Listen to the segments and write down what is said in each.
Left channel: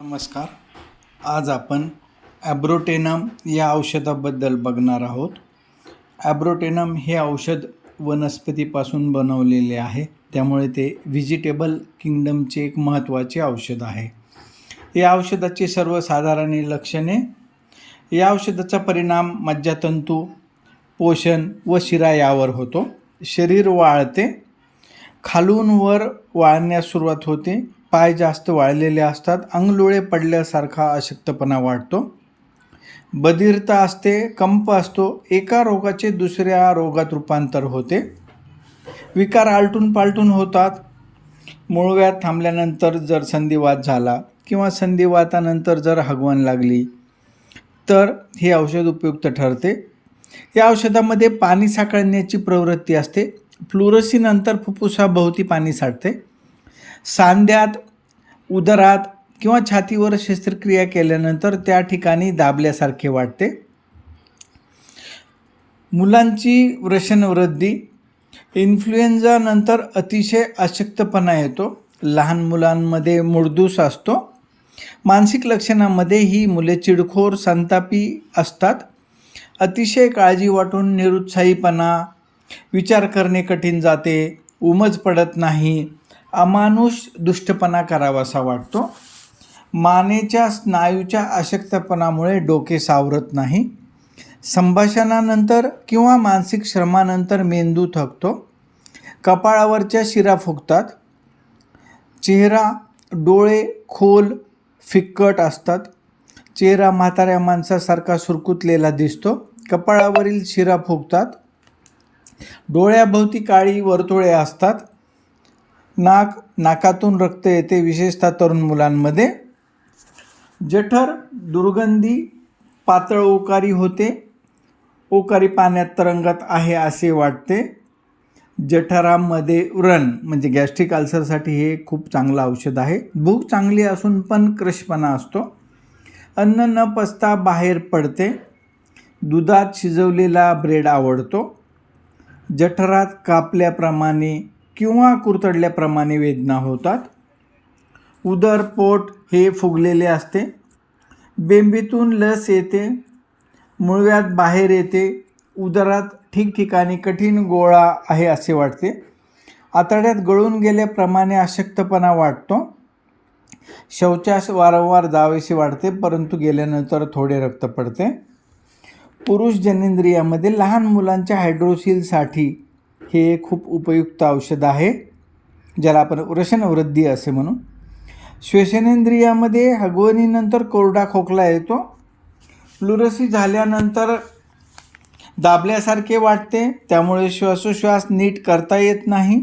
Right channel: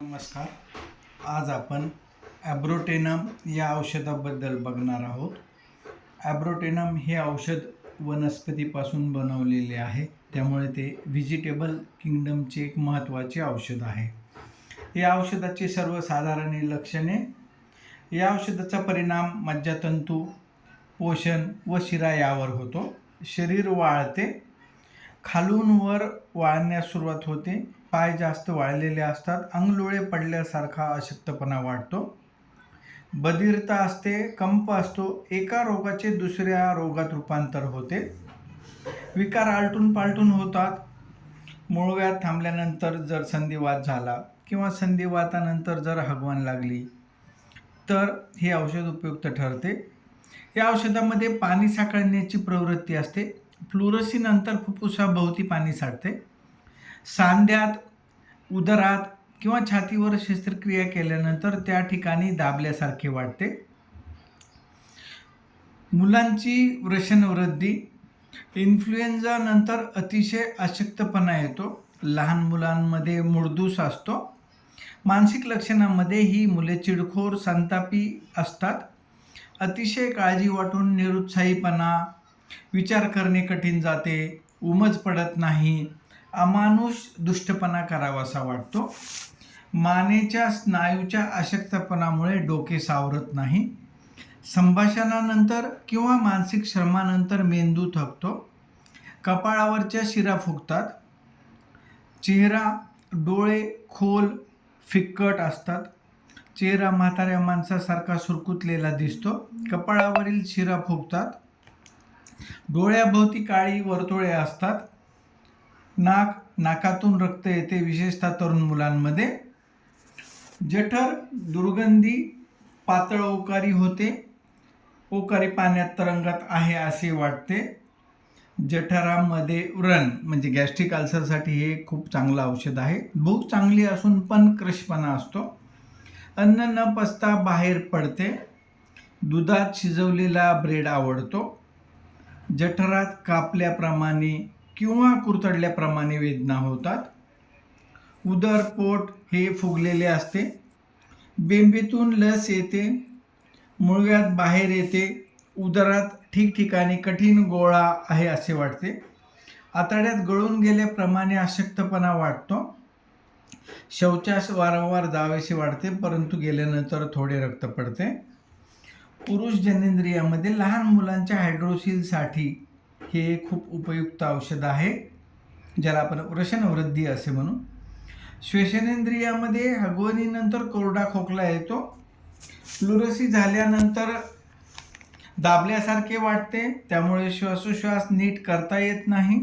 नमस्कार. आज आपण ॲब्रोटेनम या औषधाबद्दल बघणार आहोत. ॲब्रोटेनम हे औषध वनस्पतीपासून बनवलेले आहे, त्यामुळे ते व्हेजिटेबल किंगडमचे एक महत्त्वाचे औषध आहे. या औषधाची सर्वसाधारण लक्षणे: या औषधाचा परिणाम मज्जातंतू, पोषण व शिरा यावर होतो. शरीर वाळते, खालून वर वाळण्यास सुरुवात होते, पाय जास्त वाळलेले असतात, अंगलोळे पडल्यासारखा अशक्तपणा वाटतो, बधिरता असते, कंप असतो, एका रोगाचे दुसऱ्या रोगात रूपांतर होते, विकार आलटून पालटून होतात. मूळव्याध थांबल्यानंतर जर संधिवात झाला किंवा संधिवातानंतर जर हगवण लागली तर हे औषध उपयुक्त ठरते. या औषधामध्ये पाणी साकळण्याची प्रवृत्ती असते. फ्लुरोसिनंतर फुफ्फुसाभोवती पाणी साठते. सांध्यात, उदरात किंवा छातीवर शस्त्रक्रिया केल्यानंतर त्या ठिकाणी दाबल्यासारखे वाटते. मुलांची वृषणवृद्धी, इन्फ्लुएन्झा नंतर अतिशय अशक्तपणा येतो. लहान मुलांमध्ये मुळदूस असतो. मानसिक लक्षणांमध्ये ही मुले चिडखोर, संतापी असतात. अतिशय काळजी वाटून निरुत्साहीपणा, विचार करणे कठीण जाते, उमज पडत नाही, अमानुष दुष्टपणा करावासा वाटतो. मानेच्या स्नायूच्या अशक्तपणामुळे डोके सावरत नाही. संभाषणानंतर किंवा मानसिक श्रमानंतर मेंदू थकतो. कपाळावरच्या शिरा फुगतात. चेहरा, डोळे खोल फिक्कट असतात. चेहरा म्हाताऱ्या माणसासारखा सुरकुतलेला दिसतो. कपाळावरील शिरा फुगतात. डोळ्याभोवती काळी वर्तुळे असतात. नाकातून रक्त येते, विशेषतः तरुण मुलांमध्ये. जठर दुर्गंधी, पातळ ओकारी होते. ओकारी पाण्यात तरंगत आहे असे वाटते. जठरामध्ये व्रण म्हणजे गॅस्ट्रिक अल्सरसाठी हे खूप चांगलं औषध आहे. भूक चांगली असून पण क्रशपणा असतो. अन्न न पचता बाहेर पडते. दुधात शिजवलेला ब्रेड आवडतो. जठरात कापल्याप्रमाणे किंवा कुरतडल्याप्रमाणे वेदना होतात. उदर, पोट हे फुगलेले असते. बेंबीतून लस येते. मूळव्याध बाहेर येते. उदरात ठिकठिकाणी कठीण गोळा आहे असे वाटते. आतड्यात गळून गेल्याप्रमाणे अशक्तपणा वाटतो. शौचास वारंवार जावेसे वाटते, परंतु गेल्यानंतर थोडे रक्त पडते. पुरुष जनेंद्रियामध्ये लहान मुलांच्या हायड्रोसिलसाठी हे खूप उपयुक्त औषध आहे, ज्याला आपण वृषणवृद्धी असे म्हणू. श्वसनेंद्रियामध्ये हगवणीनंतर कोरडा खोकला येतो. फ्लुरोसिस झाल्यानंतर दाबल्यासारखे वाटते, त्यामुळे श्वासोश्वास नीट करता येत नाही.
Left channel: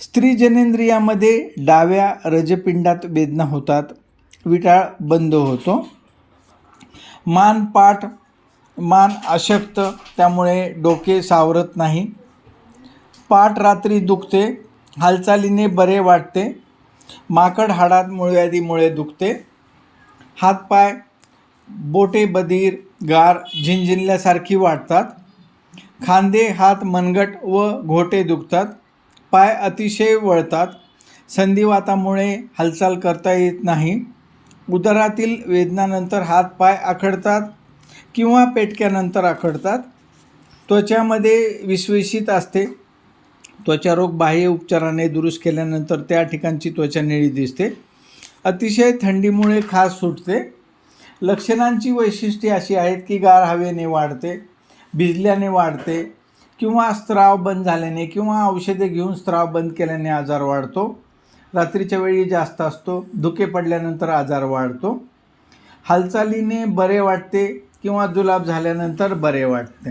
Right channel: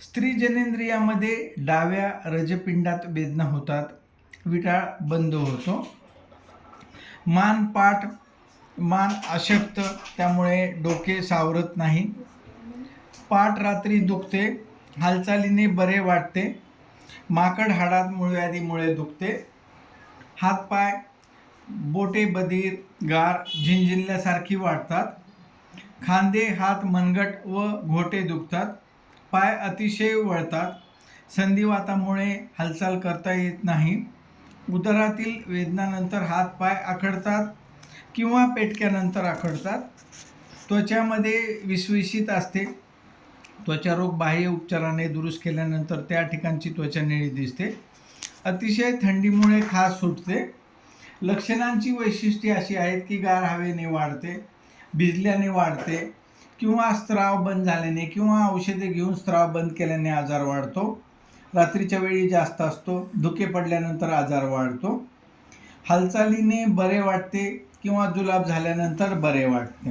स्त्री जनेंद्रियामध्ये डाव्या रजपिंडात वेदना होतात. विटाळ बंद होतो. मान अशक्त, त्यामुळे डोके सावरत नाही. पाठ रात्री दुखते. हालचालीने बरे वाटते. माकड हाडात मूळव्याधीमुळे दुखते. हातपाय, बोटे बधीर, गार, झिंझिनल्यासारखी वाटतात. खांदे, हात, मनगट व घोटे दुखतात. पाय अतिशय वळतात. संधिवातामुळे हालचाल करता येत नाही. उदरातील वेदनानंतर हातपाय आखडतात किंवा पेटक्यानंतर आखडतात. त्वचामध्ये विसविशीत असते. त्वचारोग बाह्य उपचाराने दुरुस्त केल्यानंतर त्या ठिकाणची त्वचा निळी दिसते. अतिशय थंडीमुळे खाज सुटते. लक्षणांची वैशिष्ट्ये अशी आहेत की गार हवेने वाढते, भिजल्याने वाढते, किंवा स्त्राव बंद झाल्याने किंवा औषधे घेऊन स्त्राव बंद केल्याने आजार वाढतो. रात्रीच्या वेळी जास्त असतो. धुके पडल्यानंतर आजार वाढतो. हालचालीने बरे वाटते किंवा जुलाब झाल्यानंतर बरे वाटते.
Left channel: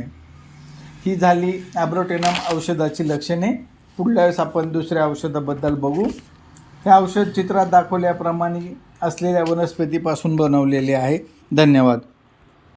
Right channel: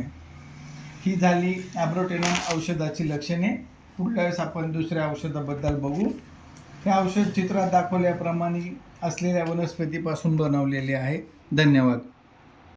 ही झाली ॲब्रोटेनम औषधाची लक्षणे. पुढल्या वेळेस आपण दुसऱ्या औषधाबद्दल बघू. हे औषध चित्रात दाखवल्याप्रमाणे असलेल्या वनस्पतीपासून बनवलेले आहे. धन्यवाद.